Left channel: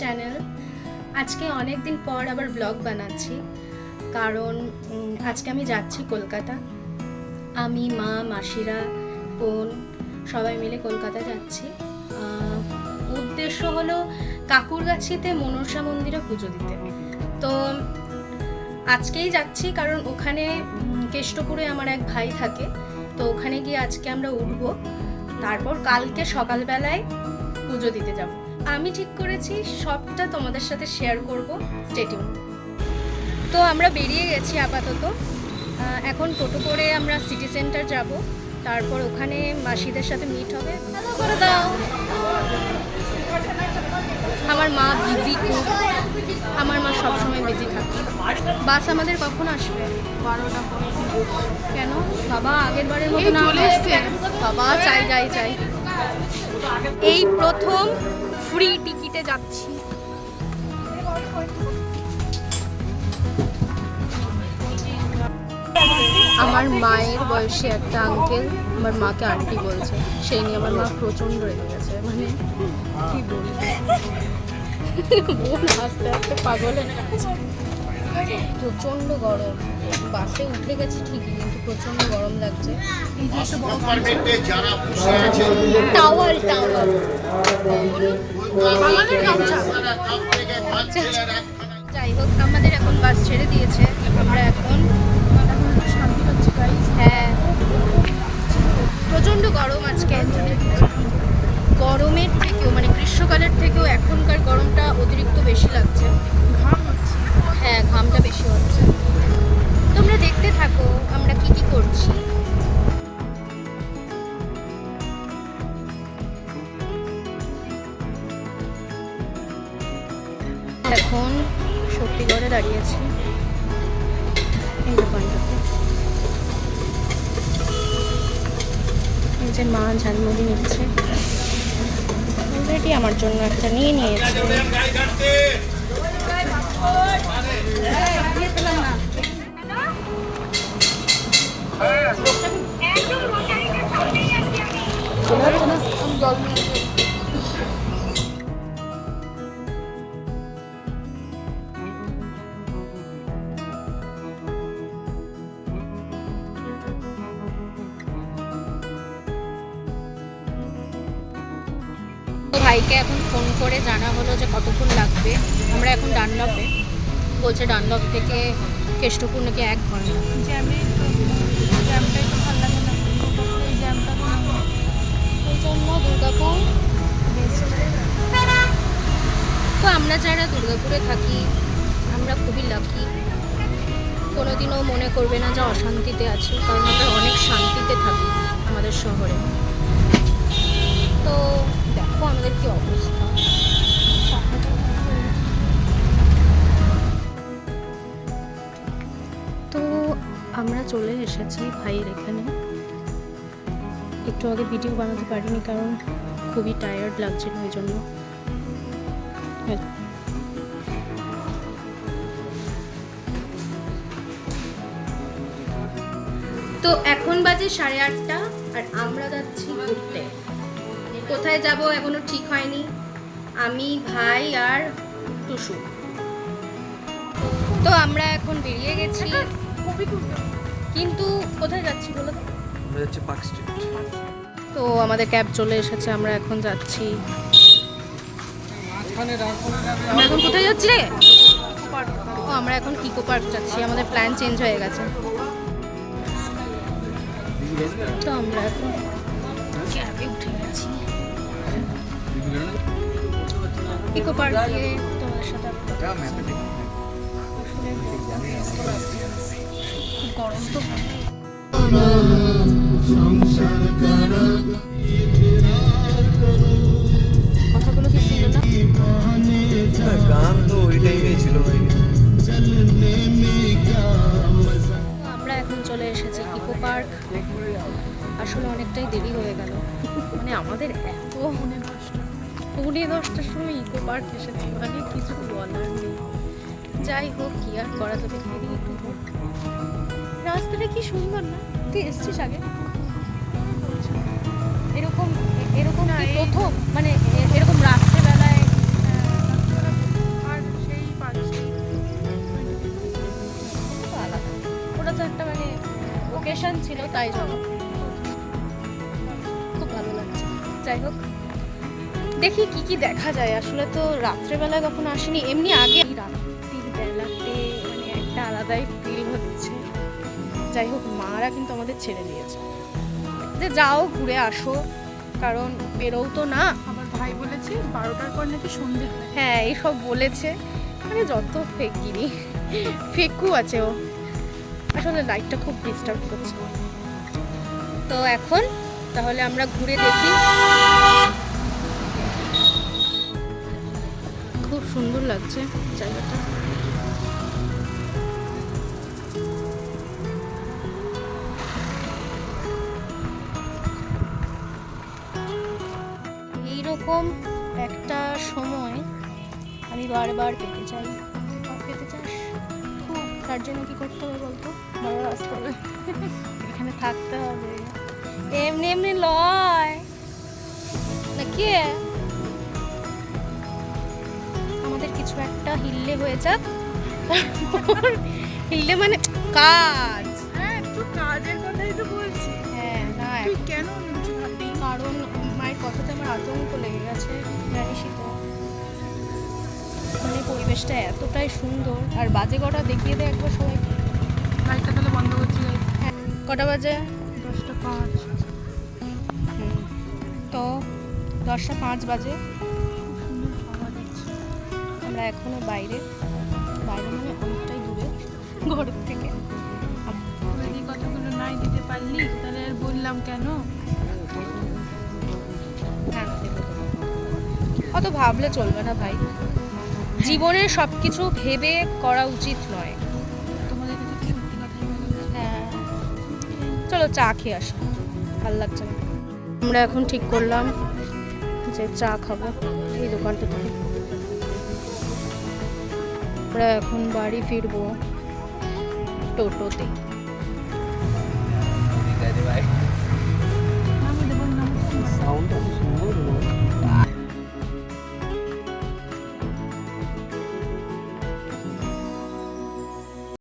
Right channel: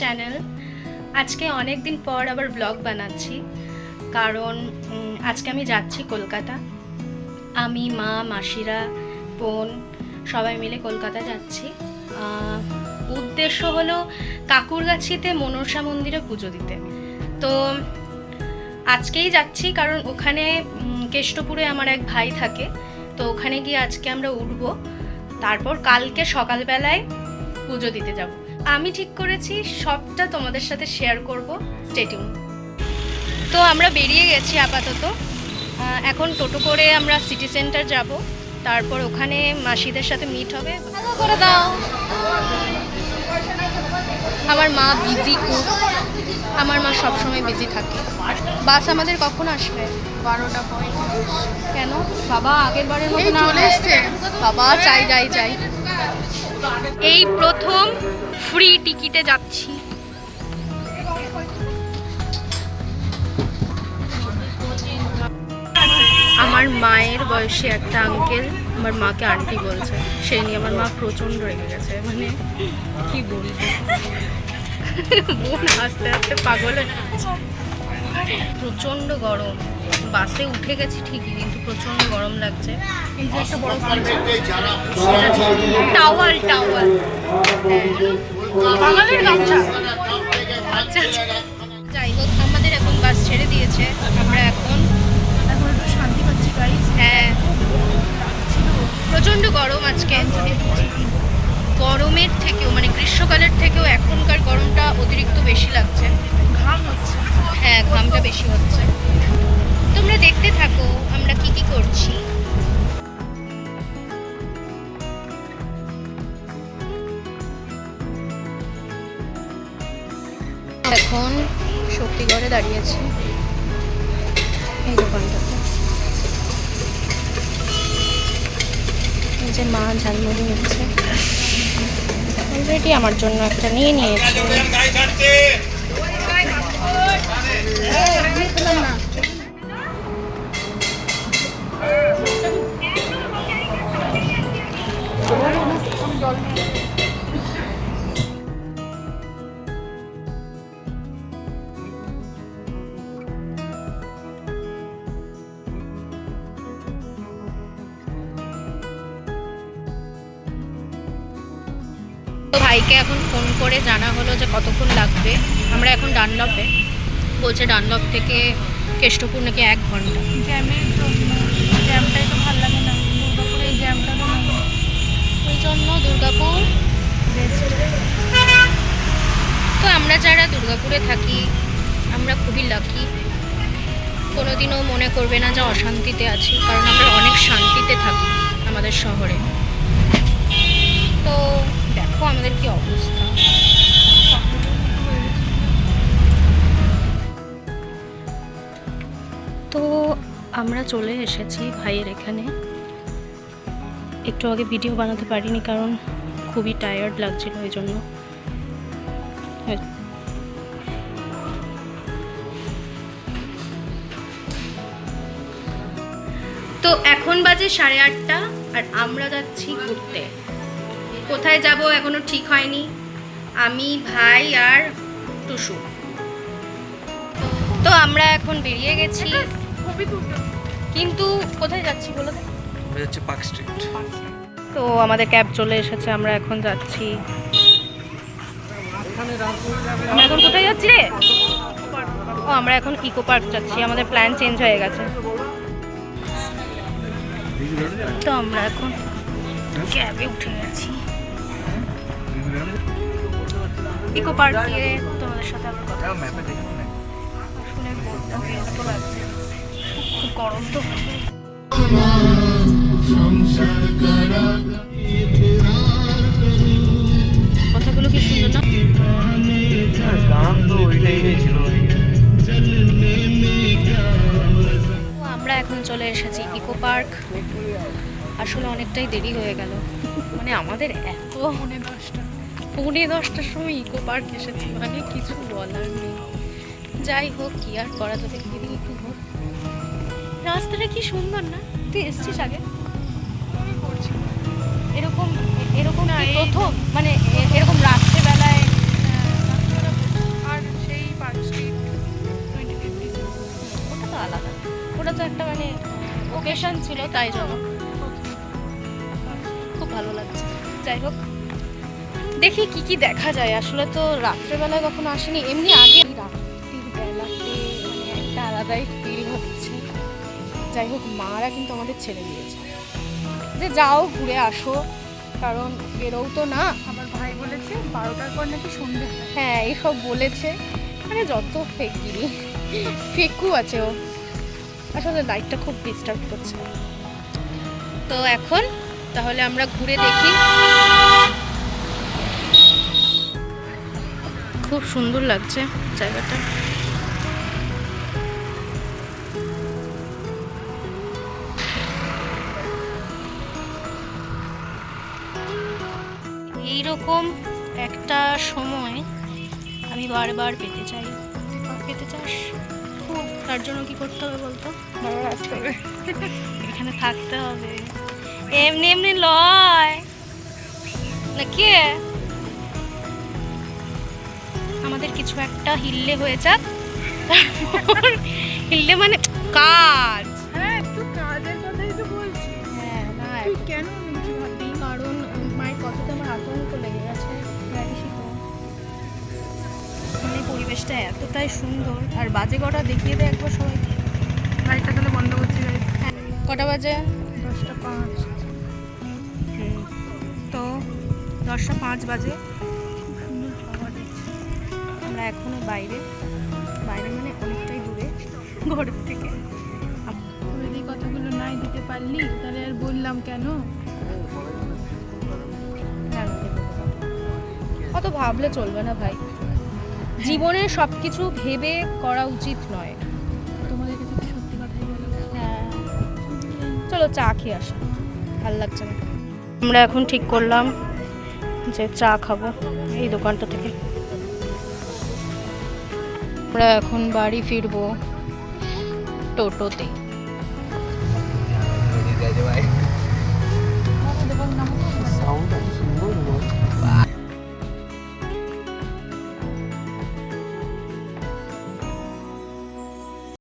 Channel. আজকে অনেক দিন পর আবার ব্লগ বানাচ্ছি, কারণ আজকে আমি যাচ্ছি কলকাতা। আমি, মা, মাসিরা, বোন সবাই মিলে কলকাতা যাচ্ছি। উদ্দেশ্য হলো কাকুরগাছিতে মনসা মন্দিরে পুজো দিতে। তো আজকেই যাচ্ছি, কারণ ওখানে কেষ্টপুরে আমার এক ভাই থাকে, তো ওখানে গিয়ে আজকে আমরা উঠবো, তারপর কালকে সকালবেলায় পুজো দিতে যাব। আমি ঠিক করেছি সবটা তোমাদের সাথে শেয়ার করব, স্টে টিউন। তো আমরা বেরিয়ে গেছি আপাতত। এখন টোটো করে আমরা সিটি সেন্টার যাব, তারপর ওখানে মাসিদের সাথে মিট হবে। করে দাও। আমার মা বিজি খুব, আমার মা সবসময় বিজি থাকে। বাস আমাদের কখন আসবে? 12টা পরে। কেন বাবা আগের বারের মতো না চলে এসছে? বাবা চাই যাই চাই। এই প্রথম ফ্রি টিকিটে যাচ্ছি। আমার মায়ের বয়সী একটা আঙ্কেল আমার মাকে আন্টি বলছে, সেই নিয়ে আমার মা প্রচণ্ড রেগে গেছে। মানে কি বলবো, বোন আস্তে আস্তে পাগল হয়ে যাচ্ছে। প্রচণ্ড গরম, বাসে উঠে গেছি ঠিকই, কিন্তু প্রচণ্ড গরম লাগছে। টাওয়াল টাওয়াল বাঙালির গামছা। আচ্ছা, যাই হোক, আমাদের এখন বাস ছেড়ে দিয়েছে। আমরা এখন একটু শান্তি পাচ্ছি গাইস। হ্যাঁ, প্রচণ্ড গরম আজকে। গরমের থেকেও মানে গ্রীষ্মকালের থেকেও এখনকার গরমটা অতিরিক্ত বেশি লাগছে। ঘাম হচ্ছে। হ্যাঁ, ঘামটা বেশি হচ্ছে। তোমরা দেখতে থাকো আমরা কি কি করছি। এখন শক্তিগড়ে দাঁড়িয়েছি, এই দোকানটাতে। এই যে মা ঝালমুড়ি নিচ্ছে, অলরেডি আমার জন্য একটা নিয়ে নিয়েছে। তো ভাইকে এখন ফোন করে জানা হলো যে কতক্ষণ লাগবে। আমরা এখন ডানলপে, বলছে ডানলপ থেকে কেষ্টপুর নাকি 1 ঘন্টা। জ্যামের জন্য, জ্যামটাই তো ভালো লাগে না, দুর্গাপুরে এই জ্যামটা তো নেই। ওই জন্য দুর্গাপুর। তো আমরা যারা দুর্গাপুরে থাকি আমরা খুবই লাকি, কোনোদিনও মনে করবে না যে অশান্তিতে আছি, কারণ আমরা অনেক শান্তিতে থাকি আমাদের শহরে। তো দেখো আমাদের কি অবস্থা। তো আমরা চলে এসেছি ভাইয়ের এখানে। একটু আগে ভিডিও বানাতে পারিনি, কারণ খুবই টায়ার্ড লাগছিল ওই জন্য। তো এখন বাজে 8:30 আর আমরা যাচ্ছি ঘুরতে। কোথায় যাব এখনো ঠিক হয়নি, আমি, ভাই আর টুসু। তো আমরা এখন বেরিয়ে গেছি, কিন্তু কোথায় যাচ্ছি বলো তো? আমরা যাচ্ছি পার্ক স্ট্রিট। তো আমাদের ক্যাব চলে এসেছে, আমরা এখন যাচ্ছি। আমরা এখন কোথায় যাচ্ছি রে? ও, আমরা এখন ইকো পার্ক যাচ্ছি, আমাদের প্ল্যান চেঞ্জ হয়ে গেছে। তো আমরা এখন ক্যাবে উঠে গেছি, ইকো পার্ক দিয়ে তোমাদের সাথে আসলে ব্যস্ত লাগছে, খুব গরম তো। কথাগুলো কি সুন্দর না? গান তো ওইটাই ছিল। আমরা এখন চলে এসেছি ইকো পার্ক। আসলে অনেকটাই দেরি হয়ে গেল, মানে আমাদের এত 10:30টার সময় ইকো পার্ক এসেছি, মানে কিছু বলার নেই। যাই হোক, কি আর করা যাবে। এদিকে একটু ঘোর, রাস্তাটা কি সুন্দর না? তুই এসছিস আগে এরকম এরকম কি প্রথম? মানে এরকম রাত্রেবেলায় তাই জন্য খুব ভালো লাগছে। যাই হোক, দেখি কি কি দেখা যায়। আসলে তো রাত্রেবেলায় কখনো আসেনি, এমনি আগে রাত্রির বেলাতে মানে একটা আলাদাই ফিল হচ্ছে। যাই হোক, মারা কিন্তু আমাদের ছেড়ে দিয়েছে যে যাও ঘুরে আসো, কারণ বেরোও তো না। আমার ভাই বলেছে 12টার পর নাকি সন্ধে। হ্যাঁ, এইসব বলেছে, মানে যত ফেকগিরি, ফেকু আছে ও। আসলে লাইটটা খুব ডিস্টার্ব করছে। তো এখন তাহলে আমরা ঘুরে দেখি। খুব সুন্দর লাগছে জায়গাটা। এইরকম একটা সময় আমি বারবার পেতে চাই। পেতে চাস খুব, তার জন্য কি করতে হবে বলতো? বড় আসতে হবে। এখানে থাকতে হবে, এমনি এমনি লয় নাকি। আমাদের কিছু একটা হিললে হয়ে যাক, তারপর হিললে মানে কাজ। হ্যাঁ, একটু কাজের কথাই তো বলছি। হ্যাঁ না, তুই কেন নিচে ভাববি? কারণ মায়ের কথাতে আমার আতঙ্ক লেগে গেছে, জানিসই তো। মানে পরিবেশটা এতটাই সুন্দর। আর বাজে কটা দেখিয়ে দেয় একবার সবাইকে। লাইটটা তাহলে বন্ধ করছি গাইস। কটা বাজে? 10:05। তো 10:05 বাজে। খুব সুন্দর হাওয়া দিচ্ছে। আমরা এখনো বাইরে, বাইরে মানে অনেকটাই দূরে ঘরের থেকে। তুই এই কথাগুলো নাই দিতে পারলি, তাহলে আর বললাম কেন? হ্যাঁ, অত ভাবলে চলবে না ভাই, জীবনে সবকিছু ভেবে করা উচিত নয়। তোমাদের কাছে তো সত্যি কথাই বলো। হ্যাঁ, চলো চা খেয়ে আসি, ভালো লাগছে না। আমরা এখন ঠিক করলাম যে চা খাবো এই দোকানটা থেকে। আমরা এখন বাড়ি ফিরবো টোটোতে। নদী যাইতে ভাই